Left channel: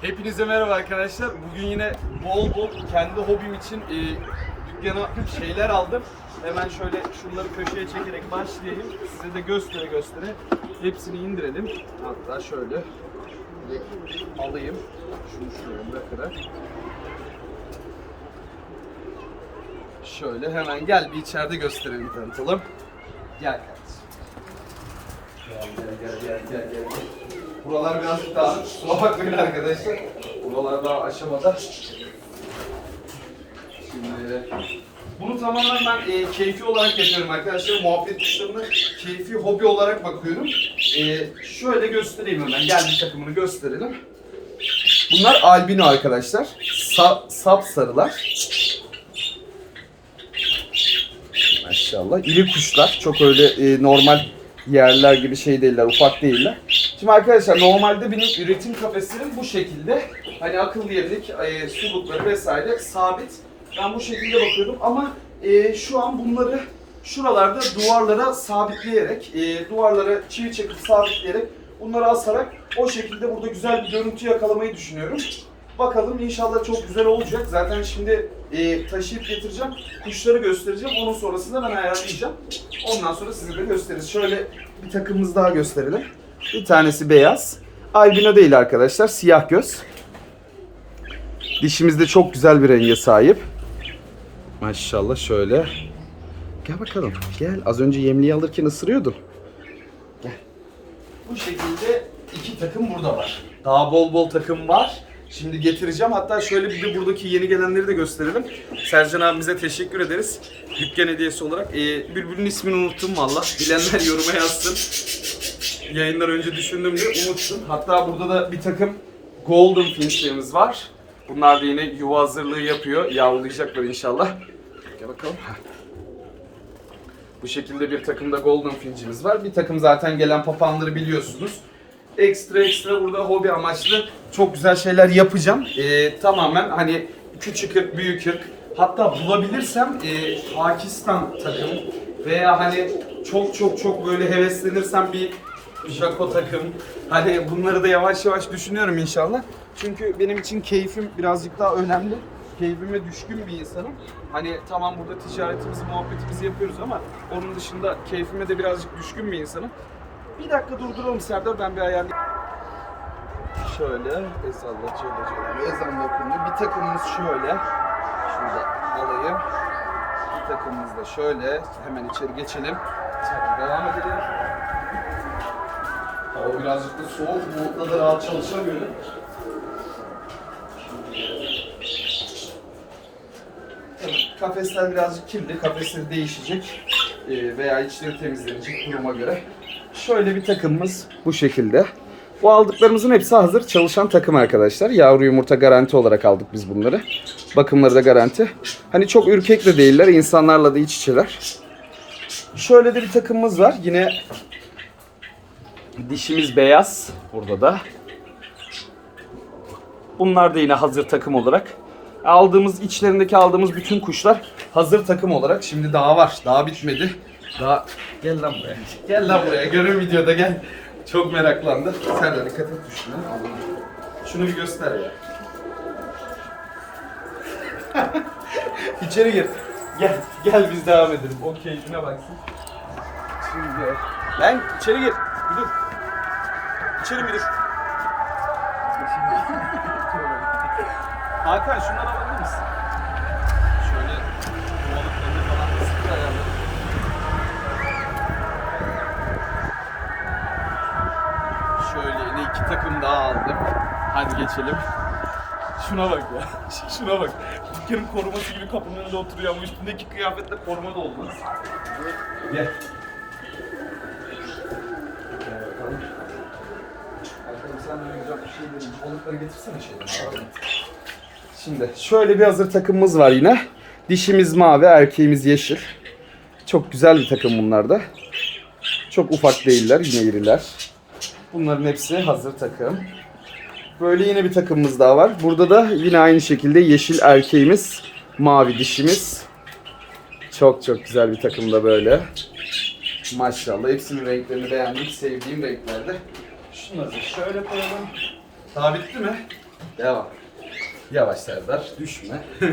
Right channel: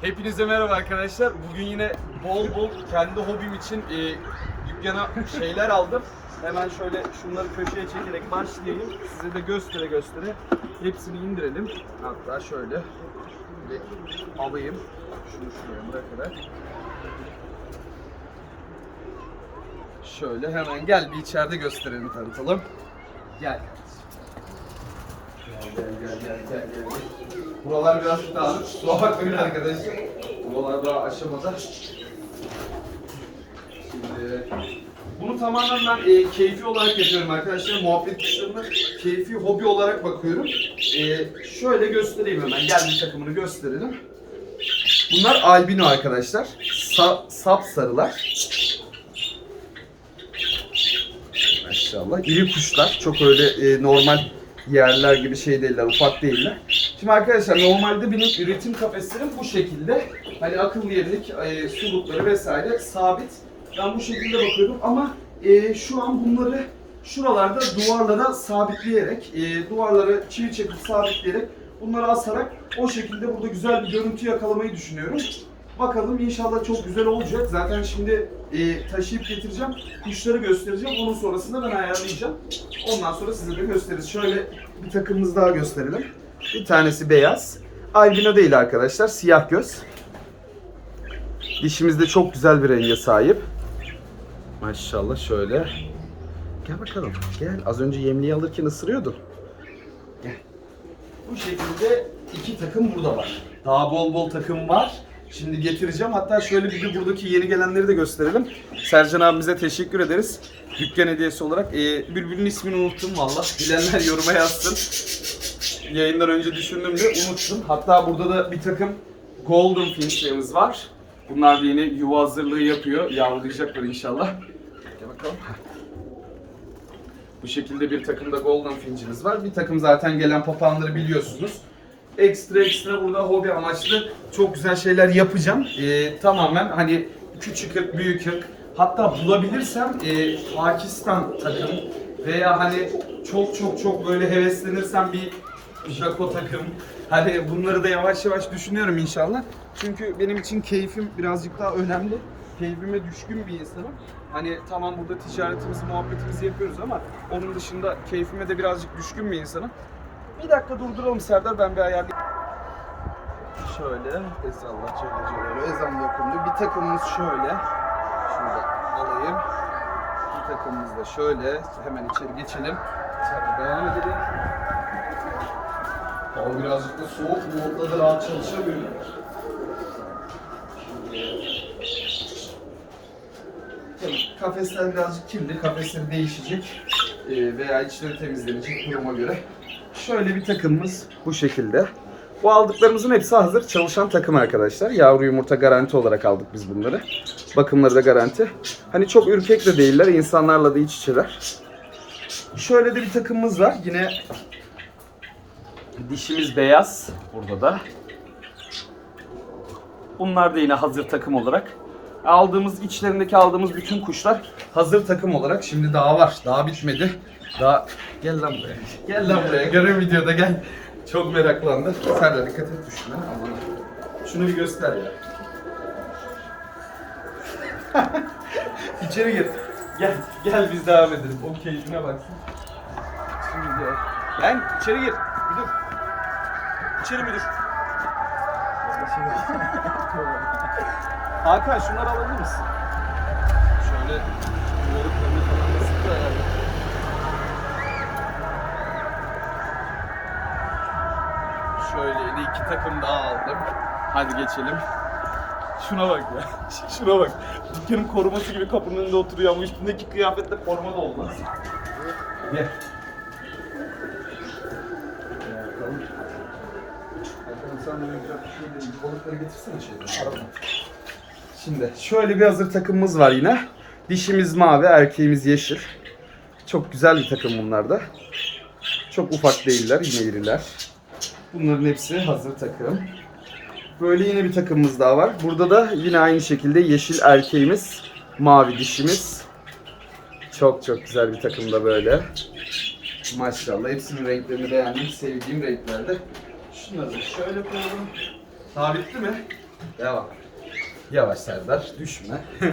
Hepinize merhaba arkadaşlar. Bugün yine bol bol kendi hobim için e, dükkana şeyler aldım. Hemen şöyle şunları köşeye çekerek başlayayım. Size de göstere göstere hepsini indirelim. Hatta şöyle alayım. Şunu şuraya bırakarak. Şöyle hemen gel bir içeride gösterelim tanıtalım. Gel kardeşim. Gel gel gel gel gel. Buralar birazcık dağınık. Kusura bakmayın arkadaşlar. Buralar daha aşamada. Şimdi bunu tamamen ben e, keyfi olarak yapıyorum arkadaşlar. Muhabbet kuşlarına keyfi hobi olarak bakıyorum. E, şöyle göstereyim hemen. Gel bir takımını gösterelim. Bunlar albino arkadaşlar. Sa sap sarılar. Maşallah. İri kuşlar. Çok öyle e, normal yerler gibi şey değiller, ufak değiller. Şimdi arkadaşlar normalde benim üretim kafeslerim bu şekilde. Hani akıllı yemlik, e, sulukları vesaire sabit. Ben bu şekilde bakıyorum ama e, şu an bunları şuralarda duvarlara sabitleyerek, e, duvarlara çivi çekip sabitleyerek bunları asarak o şekilde burada güzel bir görüntü yakalamayı düşünüyorum. Bakalım inşallah çok güzel olacak. Zaten şimdi e, taşıyıp getireceğim. Kuşları göstereceğim. Onun sonrasında ben ayarlayacağım. Ondan sonra size de gösteririz. Şöyle bir takımımız daha gösterelim. Bir tanesi beyaz. Albino değil arkadaşlar. Siyah göz. Dişimiz de çok güzel bir renge sahip. Maşallah şöyle. Gel bakalım. Gel. Az önce yemliği alırken ısırıyordu. Gel. Bu şekilde iki takım burada var. Daha bol bol takım var. Şimdi getireceğim. Hatta şöyle bir de buradaki yeni gelenleri de gösterelim. Sercan abimize teşekkür ederiz. Dükkan hediyesi olarak. Ee, Bülbül'ün ismini unuttum valla. Bilenler yoruma yazsın. Yayından önce düşündüm de unuttum. Hatta burada da bir takım Golden Finch'lerimiz var. Bunlar da yine yuva hazırlığı yapıyor. Yavrulayacaklar inşallah. Gel bakalım. Bu şekilde bir takımda Golden Finch'imiz var. Bir takım zaten gelen papağanları biliyorsunuz. Ekstra ekstra burada hobi amaçlı çok güzel şeyler yapacağım. Ee, tamamen hani küçük ırk, büyük ırk. Hatta bulabilirsem e, Pakistan takım veya hani çok çok çok böyle heveslenirsem bir Jaco takım. Hani bunları da yavaş yavaş düşünüyorum inşallah. Çünkü benim için keyfim birazcık daha önemli. Keyfime düşkün bir insanım. Hani tamam burada ticaretimizi, muhabbetimizi yapıyoruz ama onun dışında keyfime de birazcık düşkün bir insanım. Bir dakika durduralım Serdar ben bir ayarlayayım. Şöyle Ezallah Celle Celaluhu ezanla okunuyor. Bir takımımız şöyle. Şunu da alayım. Bir takımımız da şöyle. Hemen içeri geçelim. İçeride devam edelim. Hava birazcık da soğuk. Modda da rahat çalışamıyorum. Kafesler birazcık kirli. Kafesleri değişecek. Veya içleri temizlenecek duruma göre. Şöyle bir takımımız bu şekilde. Bu aldıklarımızın hepsi hazır çalışan takım arkadaşlar. Yavru yumurta garanti olarak aldık biz bunları. Bakımları da garanti. Hani çok ürkek de değiller. insanlarla da iç içeler. Şöyle de bir takımımız var. Yine dişimiz beyaz. Burada da. Bunlar da yine hazır takım olarak. Aldığımız, içlerindeki aldığımız bütün kuşlar hazır takım olarak. Şimdi daha var. Daha bitmedi. Daha... Gel lan buraya. Gel lan buraya. Görün videoda gel. Çok meraklandı. Sen de dikkat et düşme. Aman. Şunu bir göster ya. İçeri gir. Gel, gel biz devam edelim. O keyfine baksın. Şimdi. Gel içeri gir. Bir dur. İçeri bir dur. Hakan şunları alabilir misin? Şöyle kovalıklarını falan da sıfır ayarladım. Şöyle yine iki takım daha aldım. Hadi geçelim. Şuna bak ya. Şuna bak. Dükkanın koruması gibi kapının önünde oturuyor ama üstündeki kıyafetle forma doldunuz. Gel. Gel bakalım. Bakalım senden güzel bir şey diyeyim. Balıkları. Şimdi şöyle bir hazır takımımız var yine. Dişimiz mavi, erkeğimiz yeşil. Çok güzel bir takım bunlar da. Çok ufak değiller, yine iriler. Bunların hepsi hazır takım. Böyle yine bir takımımız daha var. Burada da yine aynı şekilde yeşil erkeğimiz, mavi dişimiz. Çok çok güzel bir takım da böyle. Maşallah hepsinin renklerini beğendim. Sevdiğim renklerde. Şunları da şöyle koyalım. Daha bitti mi? Devam. Yavaş Serdar, düşme.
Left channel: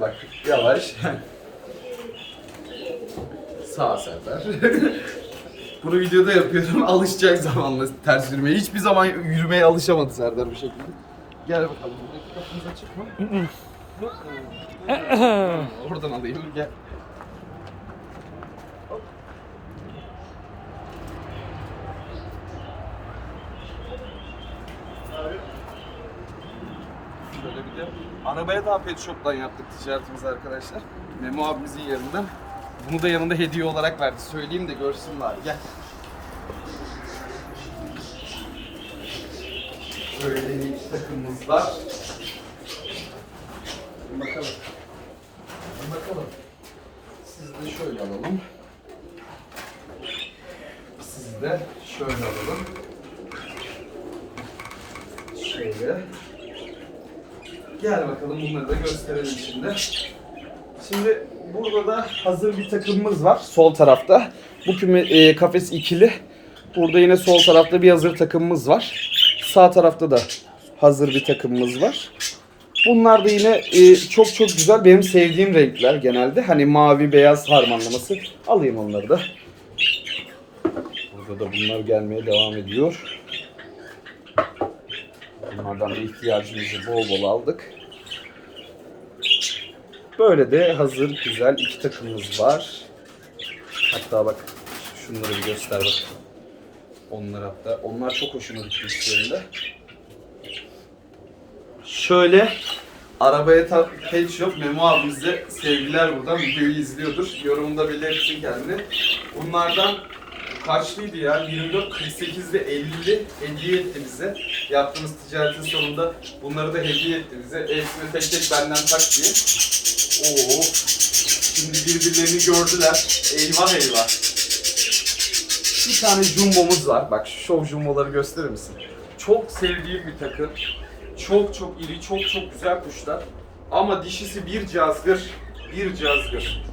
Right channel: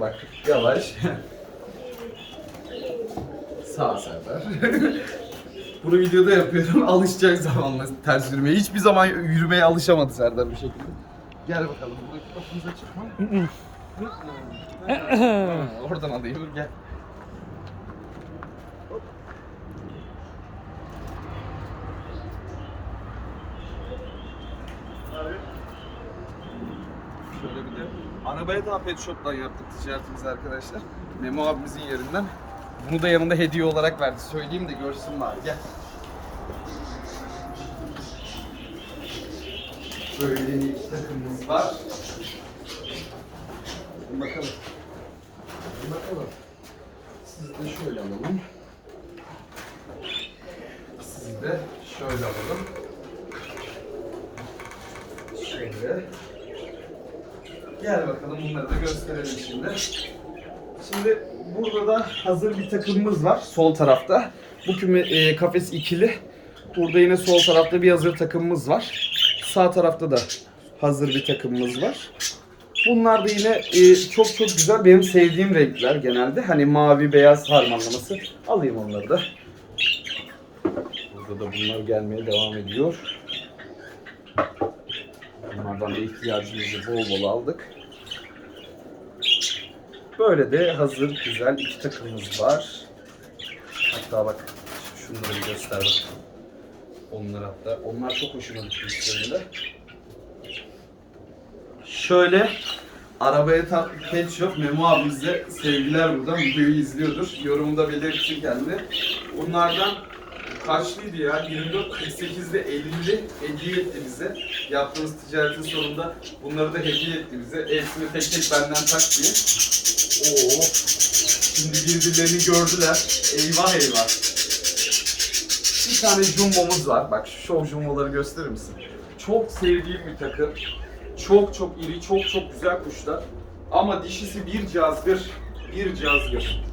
Bak, yavaş. Sağ Serdar. Bunu videoda yapıyorum. Alışacak zamanla ters yürümeye. Hiçbir zaman yürümeye alışamadı Serdar bu şekilde. Gel bakalım. Buradaki kapımız açık mı? Ha, Oradan alayım. Gel. Şöyle bir de arabaya da pet shop'tan yaptık ticaretimizi arkadaşlar. Memo abimizin yerinden. Bunu da yanında hediye olarak verdi. Söyleyeyim de görsün bari. Gel. Böyle bir takımımız var. Bir bakalım. Bir bakalım. Siz de şöyle alalım. Siz de şöyle alalım. Şöyle. Gel bakalım bunları da gösterelim şimdi. Şimdi burada da hazır bir takımımız var sol tarafta. Bu küme, e, kafes ikili. Burada yine sol tarafta bir hazır takımımız var. Sağ tarafta da hazır bir takımımız var. Bunlar da yine e, çok çok güzel benim sevdiğim renkler genelde. Hani mavi beyaz harmanlaması. Alayım onları da. Burada da bunlar gelmeye devam ediyor. Bunlardan da ihtiyacımızı bol bol aldık. Böyle de hazır güzel iki takımımız var. Hatta bak şunları göster. Onlar hatta. Onlar çok hoşuma gitti. Şöyle arabaya tak pet shop Memo abimize sevgiler buradan videoyu izliyordur. Yorumunda belirtsin kendini. Bunlardan kaçlıydı ya? 24 48'de 50 hediye etti bize. Yaptığımız ticaretin sonunda bunları da hediye etti bize. Hepsini tek tek benden tak diye. Oo. Şimdi birbirlerini gördüler. Eyvah eyvah. Bir tane jumbomuz var. Bak şu şov jumboları gösterir misin? Çok sevdiğim bir takım. Çok çok iri, çok çok güzel kuşlar. Ama dişisi bir cazgır, bir cazgır.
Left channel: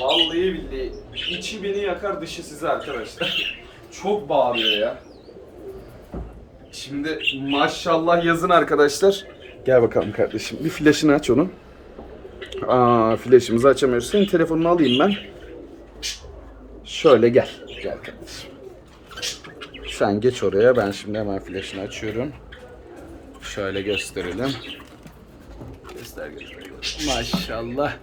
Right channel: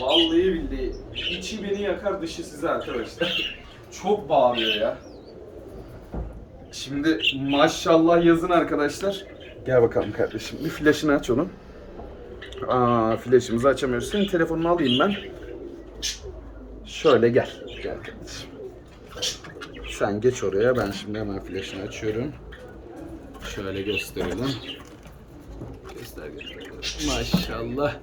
Vallahi billahi içi beni yakar dışı size arkadaşlar. çok bağırıyor ya. Şimdi maşallah yazın arkadaşlar. Gel bakalım kardeşim. Bir flaşını aç onun. Aa, flaşımızı açamıyoruz. Senin telefonunu alayım ben. Şöyle gel. Gel kardeşim. Sen geç oraya. Ben şimdi hemen flaşını açıyorum. Şöyle gösterelim. Göster göster. Maşallah.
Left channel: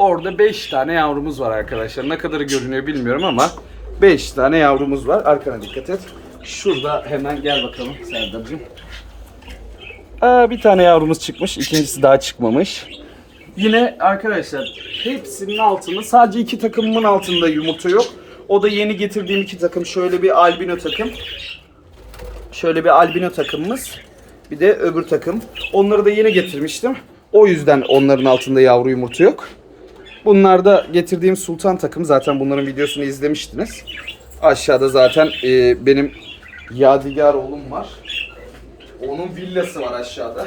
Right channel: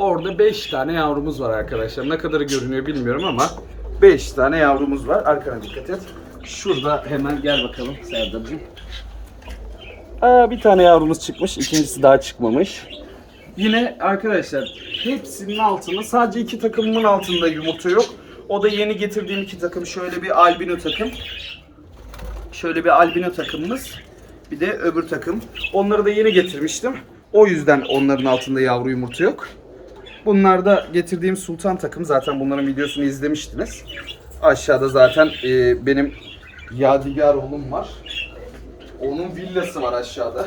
Orada 5 tane yavrumuz var arkadaşlar. Ne kadarı görünüyor bilmiyorum ama 5 tane yavrumuz var. Arkana dikkat et. Şurada hemen gel bakalım Serdar'cığım. Bir tane yavrumuz çıkmış. ikincisi daha çıkmamış. Yine arkadaşlar hepsinin altında sadece iki takımın altında yumurta yok. O da yeni getirdiğim iki takım. Şöyle bir albino takım. Şöyle bir albino takımımız. Bir de öbür takım. Onları da yeni getirmiştim. O yüzden onların altında yavru yumurta yok. Bunlar da getirdiğim sultan takım. Zaten bunların videosunu izlemiştiniz. Aşağıda zaten e, benim Yadigar oğlum var. Onun villası var aşağıda.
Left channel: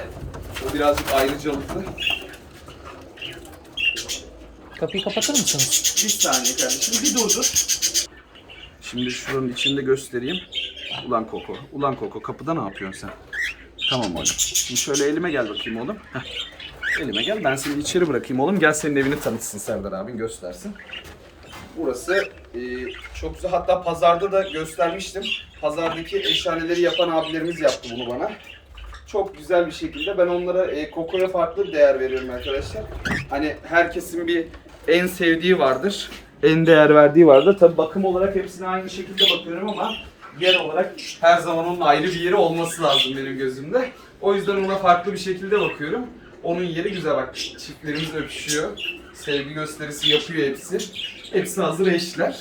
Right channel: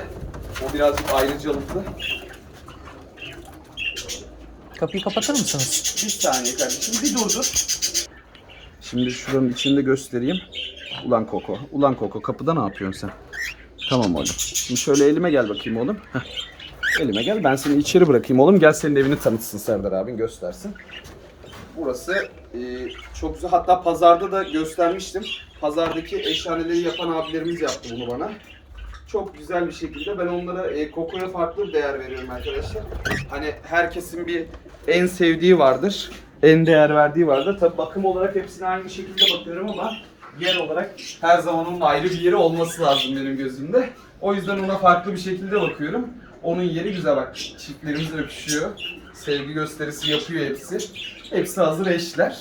O birazcık ayrıcalıklı. Kapıyı kapatır mısınız? Bir saniye kardeşim bir dur dur. Şimdi şuranın içinde göstereyim. Ulan Koko. Ulan Koko kapıda ne yapıyorsun sen? Tamam oğlum. Şimdi şöyle elime gel bakayım oğlum. Heh. Elime gel ben seni içeri bırakayım oğlum. Gel senin evini tanıtsın Serdar abin göstersin. Burası e, çok güzel. Hatta pazarda da göstermiştim. Pazardaki eşhaneleri yapan abilerimiz yaptı bunu bana. Çok güzel bir şekilde ben onlara e, kokoya farklı bir değer veriyorum arkadaşlar. Hani herkesin bir en sevdiği vardır. En değer verdiği vardır. Tabii bakım olarak hepsine aynı şekilde bakıyorum ama yer olarak her zaman onun ayrı bir yeri olması lazım benim gözümde. O yüzden ona farklı bir şekilde bakıyorum. Onun yeri güzel bak. Çiftlerimiz öpüşüyor. Sevgi gösterisi yapıyor hepsi. Hepsi hazır eşler.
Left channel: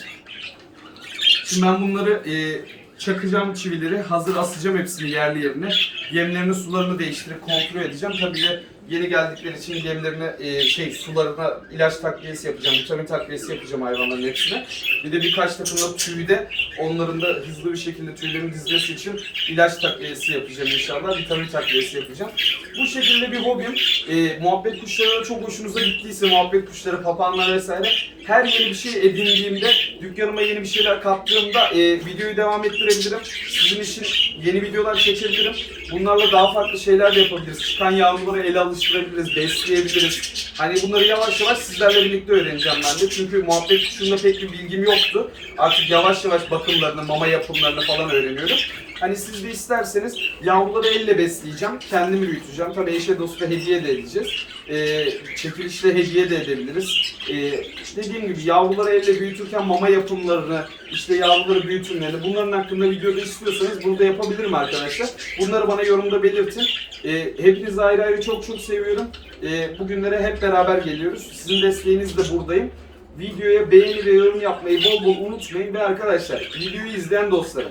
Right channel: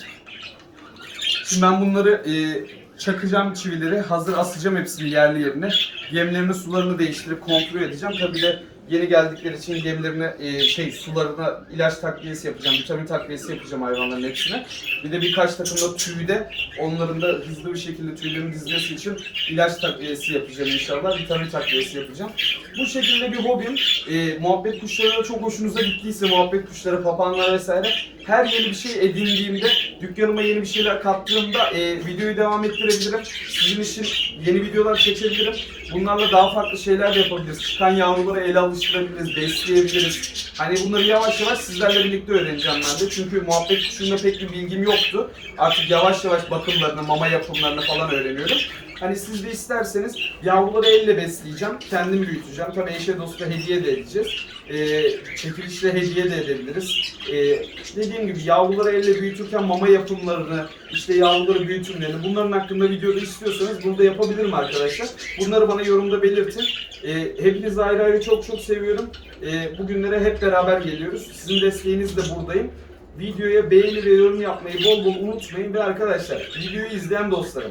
Şimdi ben bunları e, çakacağım çivileri, hazır asacağım hepsini yerli yerine. Yemlerini, sularını değiştirip kontrol edeceğim. Tabii de Yeni geldikleri için yemlerine, e, şey sularına ilaç takviyesi yapacağım, vitamin takviyesi yapacağım hayvanların hepsine. Bir de birkaç takım da tüyde onların da hızlı bir şekilde tüylerini dizmesi için ilaç takviyesi yapacağım inşallah, vitamin takviyesi yapacağım. Bu şekilde bir hobim. E, muhabbet kuşları çok hoşunuza gittiyse, muhabbet kuşları, papağanlar vesaire her yeni bir şey edindiğimde, dükkanıma yeni bir şeyler kattığımda e, videoyu devam ettirebilirim. Sizin için yeni videolar çekebilirim. Bunlarla daha farklı şeyler de yapabiliriz. Çıkan yavruları ele alıştırabiliriz, besleyebiliriz. Hani bunları yavaş yavaş sizlerle birlikte öğreneceğim ben de. Çünkü muhabbet kuşunda pek bir bilgim yoktu. Artık yavaş yavaş bakımlarını, mama yapımlarını falan öğreniyorum. Hani siz de isterseniz yavruları elle besleyeceğim, kendim büyüteceğim. Tabii eşe dosta hediye de edeceğiz. Ee, çekilişle hediye de edebiliriz. Ee, dediğim gibi yavruları elle büyütürken mama yapımlarını, işte yavruları büyütümlerini bunların hakkında videoda istiyorsanız burada yapabilirim arkadaşlar. Bunları bana yorumda belirtin. Ee, hepinizi ayrı ayrı çok çok seviyorum. Ee, bugünlere hep beraber geliyoruz. Sizin desteğinizle buradayım. Videoya beğeni ve yorum yapmayı bol bol unutmayın ve arkadaşlar videoyu izleyen dostlarım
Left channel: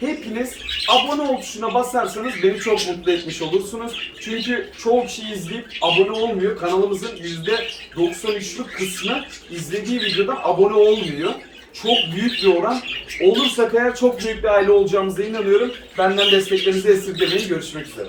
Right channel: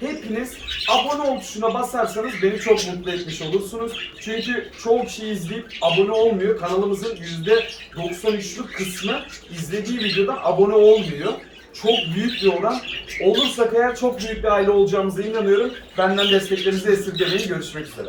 hepiniz abone ol tuşuna basarsanız beni çok mutlu etmiş olursunuz. Çünkü çoğu kişi izleyip abone olmuyor. Kanalımızın %93'lük kısmı izlediği videodan abone olmuyor. Çok büyük bir oran. Olursak eğer çok büyük bir aile olacağımıza inanıyorum. Benden desteklerinizi esirgemeyin. Görüşmek üzere.